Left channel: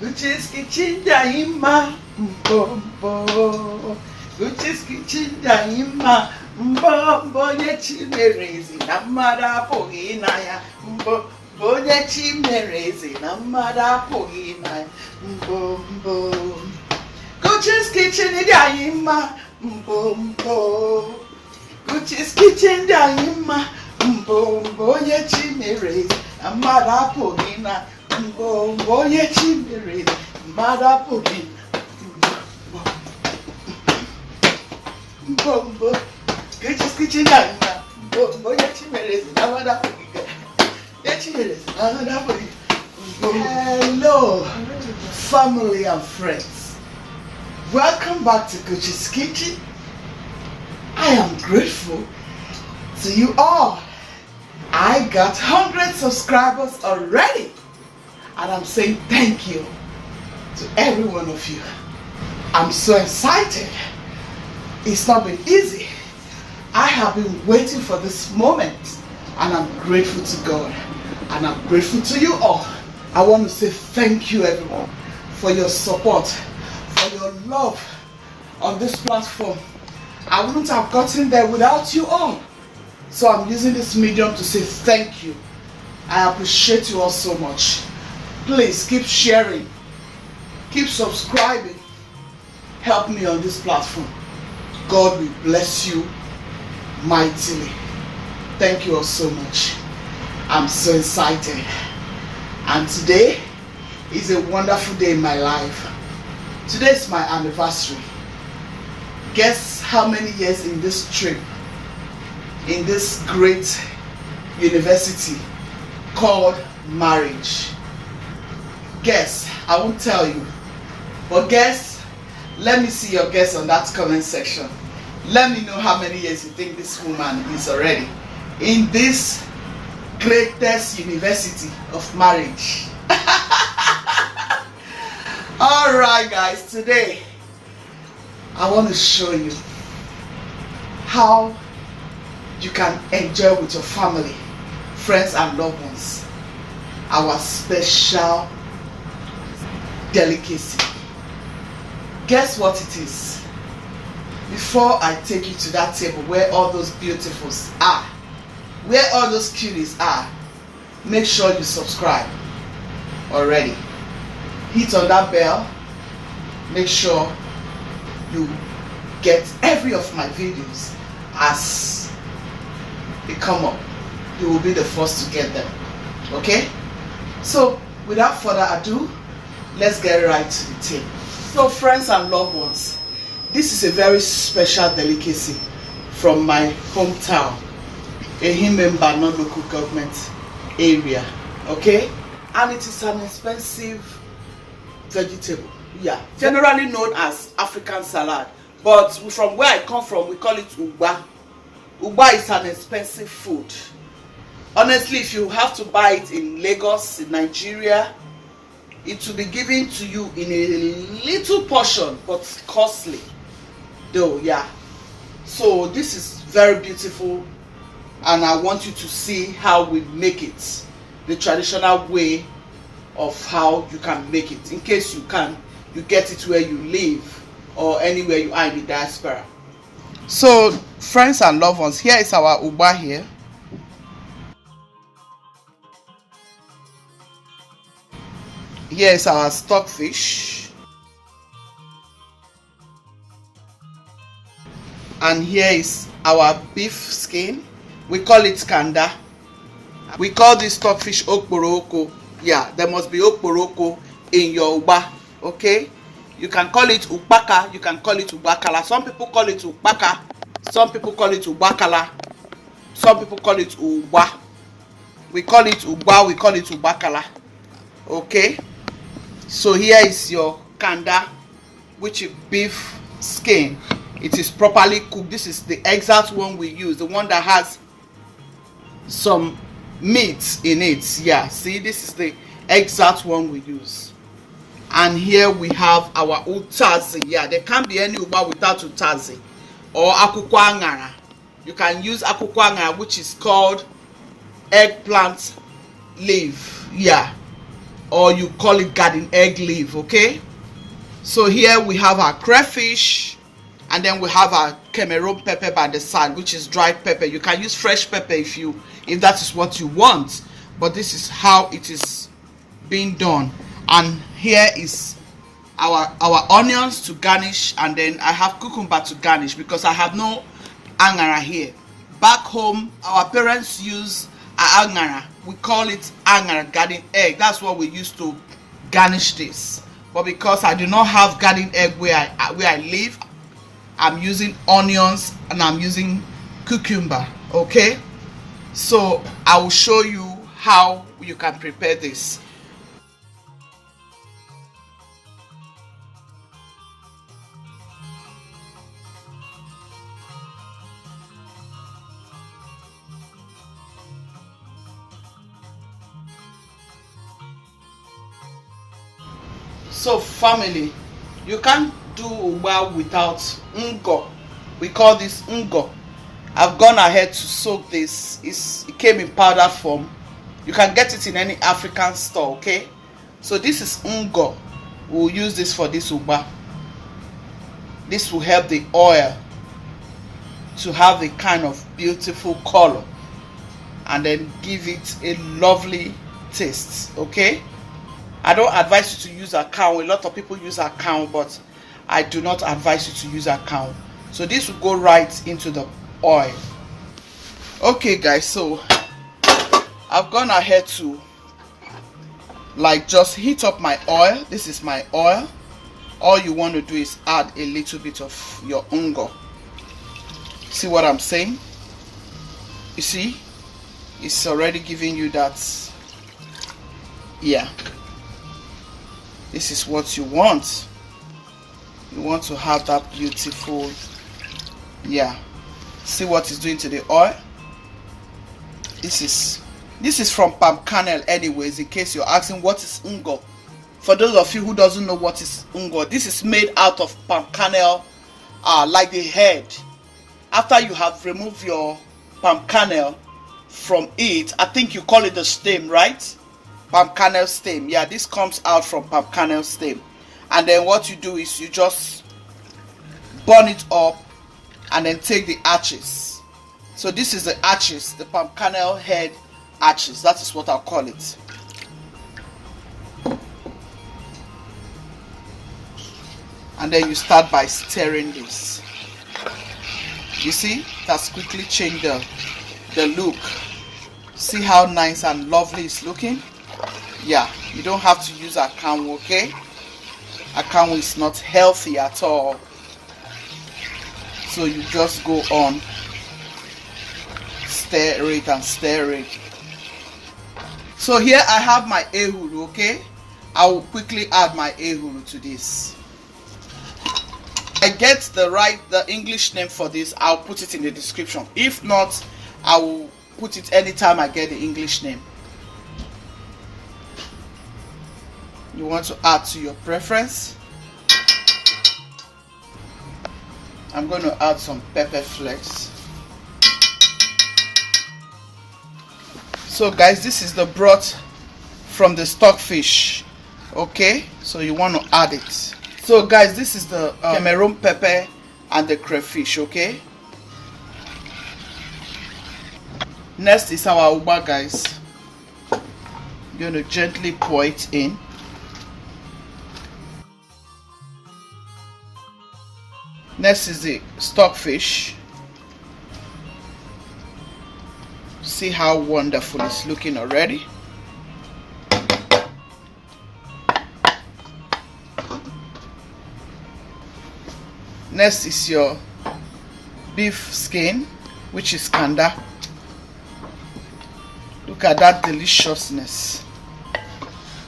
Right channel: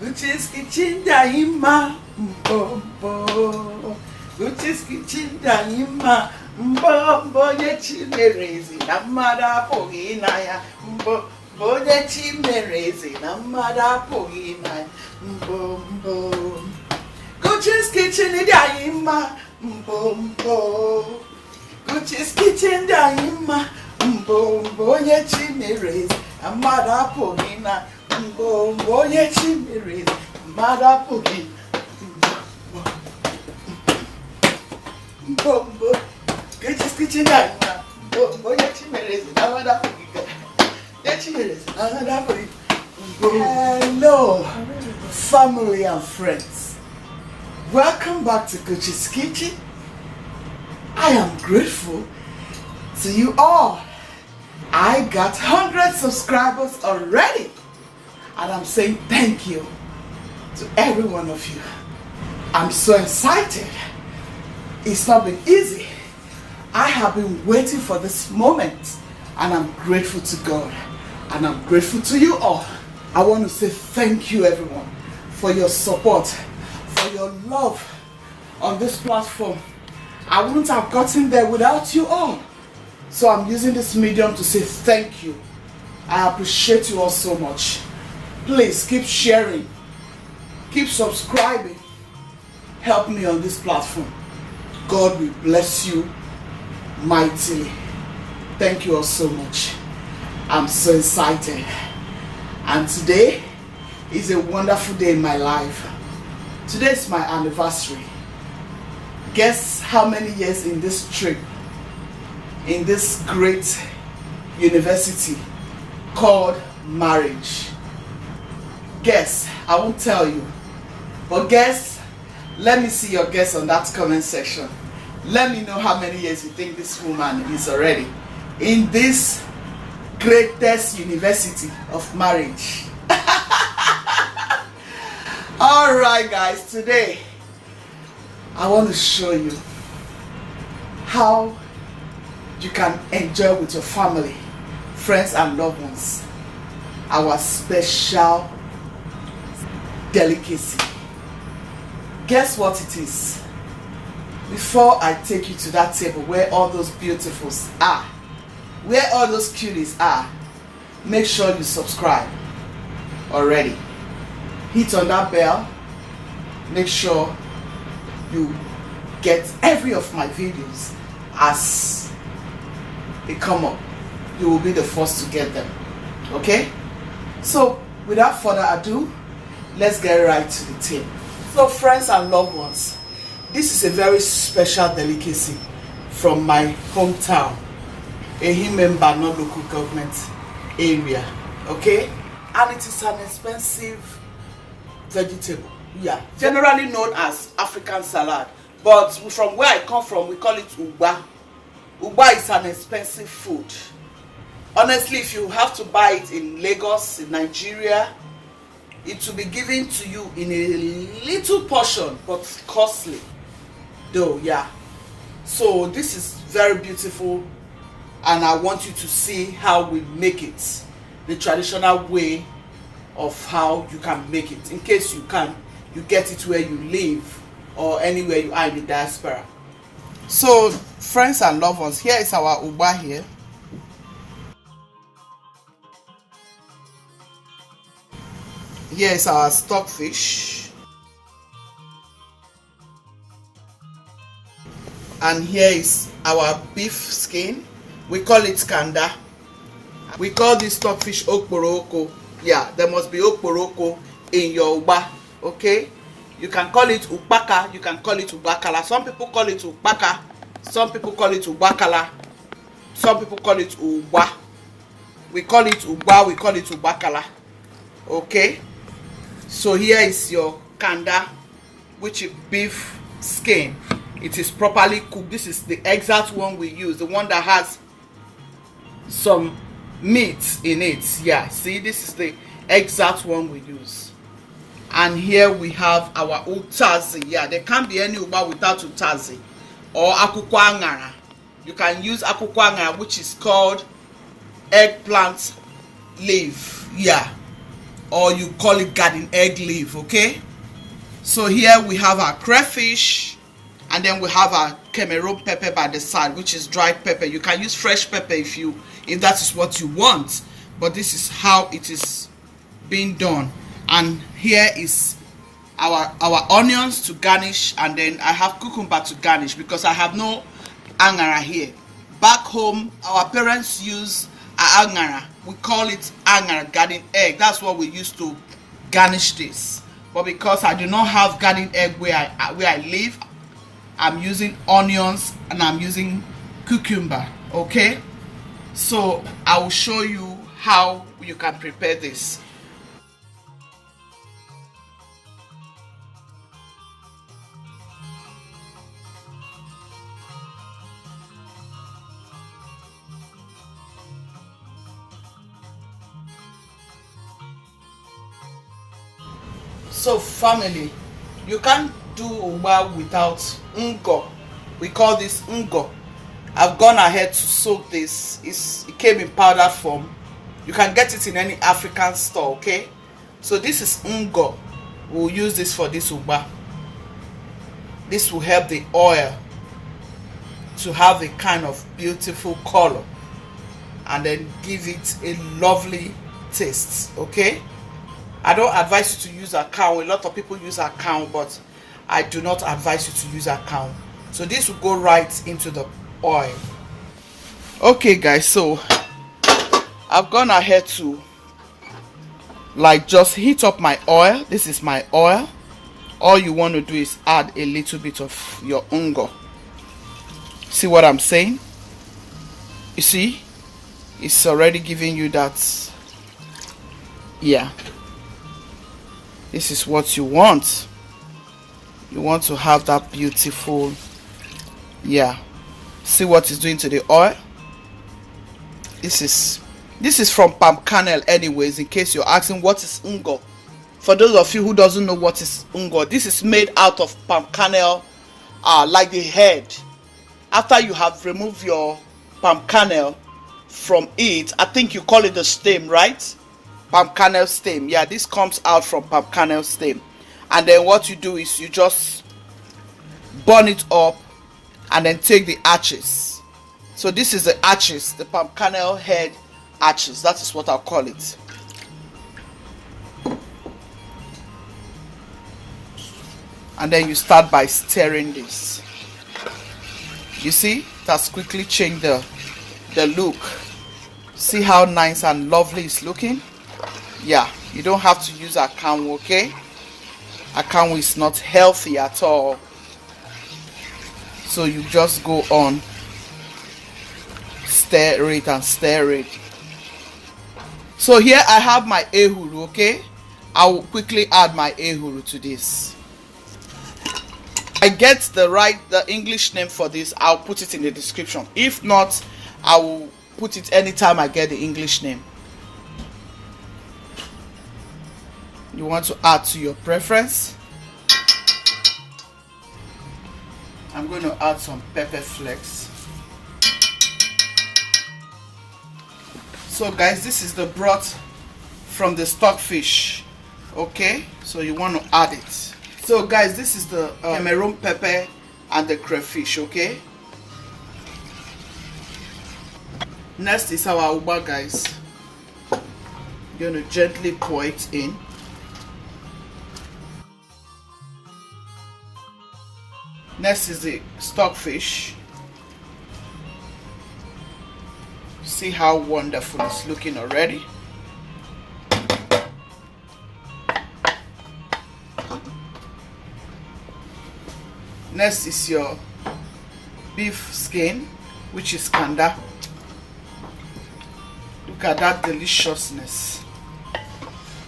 Guchies kitchen daima mbombo. Guchies kitchen daima mbombo. Ye chimerezi na mada pogina ya mbombo. Ye chimerezi na mada pogina ya mbombo. Guchies kitchen daima mbombo. Guchies kitchen daima mbombo. Ye chimerezi na mada pogina. Mbombo ye chimere marapogi mbombo Guchies kitchen daima mbombo ye chimere marapogi ye chimere marapogi. Hello family and friends, welcome back to Guchies Kitchen. I am grateful to you all. I got 100 subscribers already. And I'm saying thank you to every one of you. I'm so excited. It's not been easy. I have been waiting for this moment. And I'm grateful to God. And I'm grateful to you all. I want to say thank you everyone for your support, for your love on this platform. I wouldn't have gotten there without you all. So I'm using this medium to say thank you. I appreciate you all so much. Please keep sharing, keep subscribing, help me on this platform. God will bless you mightily. Thank you all so much. I'm so excited. And today is a wonderful day in my life. Today is my anniversary. Guess how many years in this trip, in this great university called marriage? Guess, I won't tell you, but guess, let me see your guess on that comment section. Let me know how many years you think this woman is already in this greatest university of marriage. Alright guys, today I want to show you how you can enjoy with your family, friends and loved ones our special delicacy. Guess what it is? Before I take you to that table where all those beautifuls are, where all those cuties are, make sure you subscribe already. Hit on that bell. Make sure you get every of my videos as they come up. You will be the first to get them. Okay? So without further ado, let's get right to the table. So friends and loved ones, this is a very special delicacy from my hometown, Ehimemba non-local government area, okay? And it is an expensive vegetable, yeah, generally known as African salad, but from where I come from, we call it Ugba. Ugba is an expensive food. Honestly, if you have to buy it in Lagos, in Nigeria, it will be given to you in a little portion, but costly though, yeah. So this is very beautiful, and I want you to see how we make it, the traditional way of how you can make it, in case you get it where you live or anywhere you are in the diaspora. So friends and loved ones, here is our Ugba here. Here is our stockfish, and here is our beef skin. We call it kanda. We call this stockfish okporoko. Yeah, there must be okporoko in your Ugba. Okay, you can call it ukpaka, you can call it ubakala. Some people call it ukpaka, some people call it ubakala, some people call it Ugba. We call it Ugba, we call it ubakala. Okay. So here is your kanda, which is beef skin. It is properly cooked. This is the exact one we use, the one that has some meat in it. Yeah, see, this is the exact one we use. And here we have our UTAZI. Yeah, there can't be any Ugba without UTAZI or akwukwo aṅara. You can use akwukwo aṅara, which is called eggplant leaf. Yeah. or you call it garden egg leaf. Okay, so here we have our crayfish, and then we have our Cameroon pepper by the side, which is dried pepper. You can use fresh pepper if that is what you want, but this is how it is being done. And here is our onions to garnish, and then I have cucumber to garnish because I have no angara here. Back home, our parents use angara. We call it angara, garden egg. That's what we used to garnish this. But because I do not have garden egg where I live, I'm using onions and I'm using cucumber. Okay, so I will show you how you can prepare this. So family, you can't do ugba without ngo. We call this ngo. I've gone ahead to soak this. It came in powder form. You can get it in any African store. Okay, so this is ngo. We'll use this for this ugba. This will help the oil to have a kind of beautiful color and then give it a lovely taste. Okay, I don't advise you to use account. A lot of people use account, but I do not advise you to use account. So this will go right into the oil. Okay guys, so I've gone ahead to just heat up my oil. This is my oil. All you want to do is add a little bit of your ngo. See what I'm saying? You see, it's already giving you that. Yeah, this is what you want. You want to have that beautiful, yeah. See what it's doing to the oil? This is from palm kernel anyways, in case you're asking what is ngo. For those of you who doesn't know what is ngo, this is made out of palm kernel, like the head. After you have removed your palm kernel from it, I think you call it the stem, right? Palm kernel stem. Yeah, this comes out from palm kernel stem. And then what you do is you just burn it up and then take the ashes. So this is the ashes, the palm kernel head ashes. That is what I'll call it. And then you start by stirring this. You see, that's quickly changed the look. See how nice and lovely it's looking? Yeah, you don't have to use akamu, okay? Akamu is not healthy at all. So you just go on, stir it and stir it. So here I have my ehuru, okay? I will quickly add my ehuru to this. I get the English name for this, I'll put it in the description. If not, I will put it anytime I get the English name. You want to add to your preference. I'm going to add some pepper flakes. So guys, this is the broth from the stockfish. Okay, so you want to add it. So guys, this is the Cameroon pepper and the crayfish. Okay, next is our ugba, guys. You're going to gently pour it in. Next is the stockfish. See how wonderful it's looking already. Next is your beef skin, which is kanda. Look at that deliciousness.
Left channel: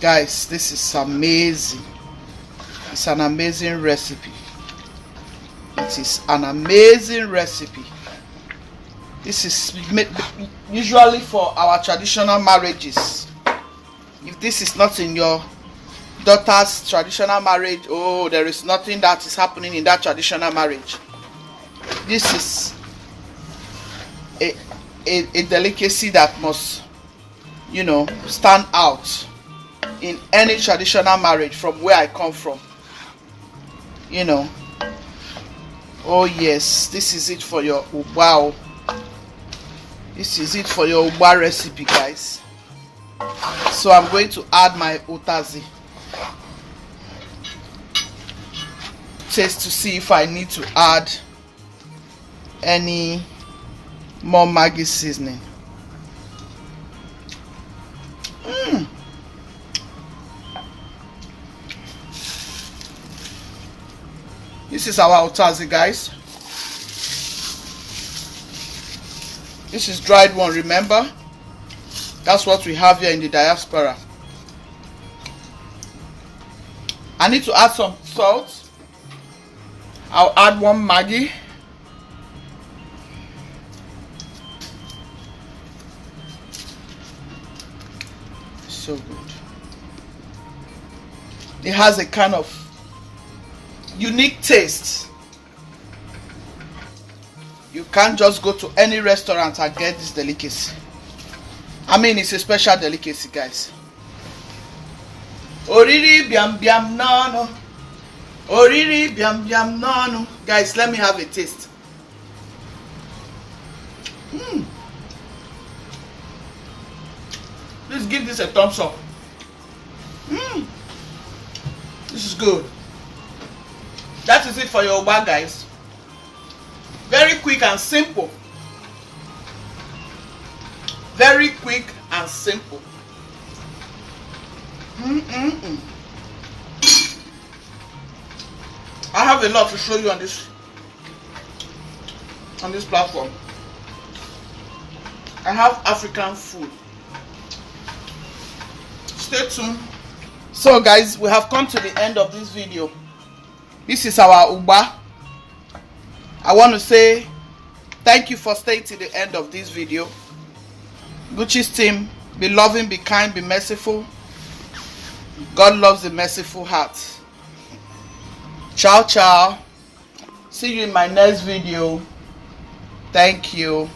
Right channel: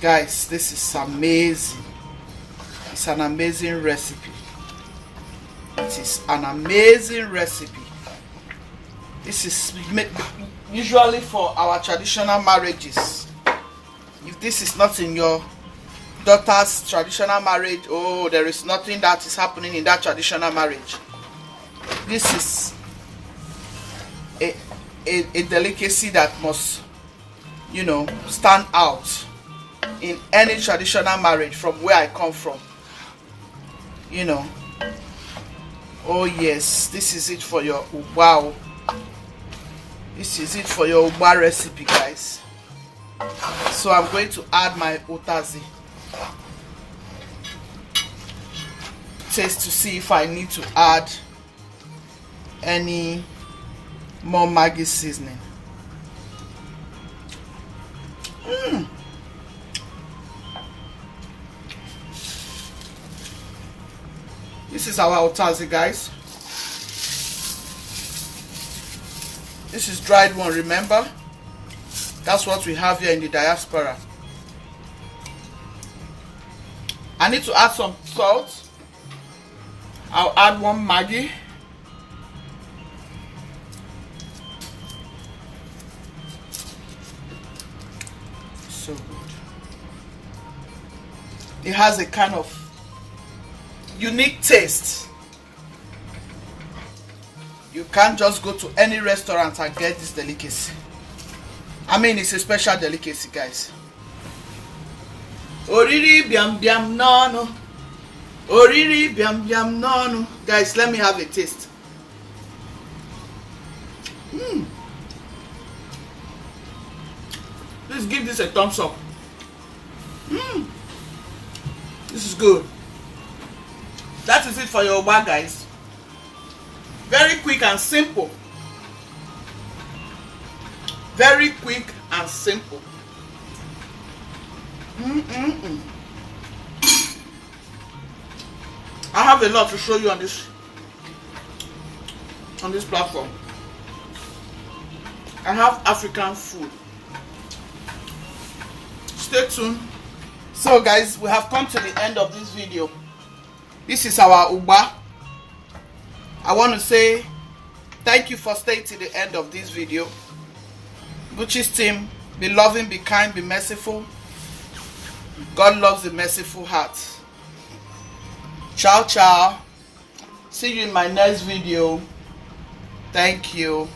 Guys, this is amazing. It's an amazing recipe. It is an amazing recipe. This is usually for our traditional marriages. If this is not in your daughter's traditional marriage, oh, there is nothing that is happening in that traditional marriage. This is a delicacy that must, stand out. in any traditional marriage from where I come from. You know. Oh yes, this is it for your Ugba. This is it for your Ugba recipe, guys. So I'm going to add my UTAZI. Taste to see if I need to add any more Maggi seasoning. This is our UTAZI, guys. This is dried one, remember? That's what we have here in the diaspora. I need to add some salt. I'll add one Maggi. So good. It has a kind of unique taste. You can't just go to any restaurant and get this delicacy. I mean, it's a special delicacy, guys. Oriri biam biam no no. Oriri biam biam no no. Guys, let me have a taste. Please give this a thumbs up. This is good. That is it for your Ugba, guys. Very quick and simple. Very quick and simple. I have a lot to show you on this platform. I have African food. Stay tuned. So guys, we have come to the end of this video. This is our Ugba. I want to say thank you for staying to the end of this video. Guchies team, be loving, be kind, be merciful. God loves the merciful heart. Ciao, ciao. See you in my next video. Thank you.